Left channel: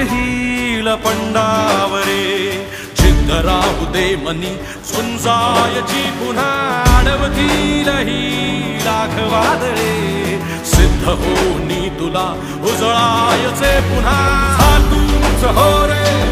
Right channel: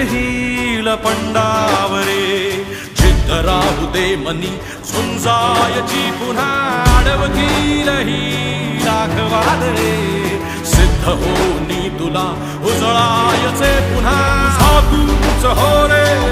येईल पंडावरे जिद्द राहू दे मनी झुंजायची पुन्हा अडवतील ही लाख वादळे सिद्ध होनी तुला उजळायचे पुन्हा हो रे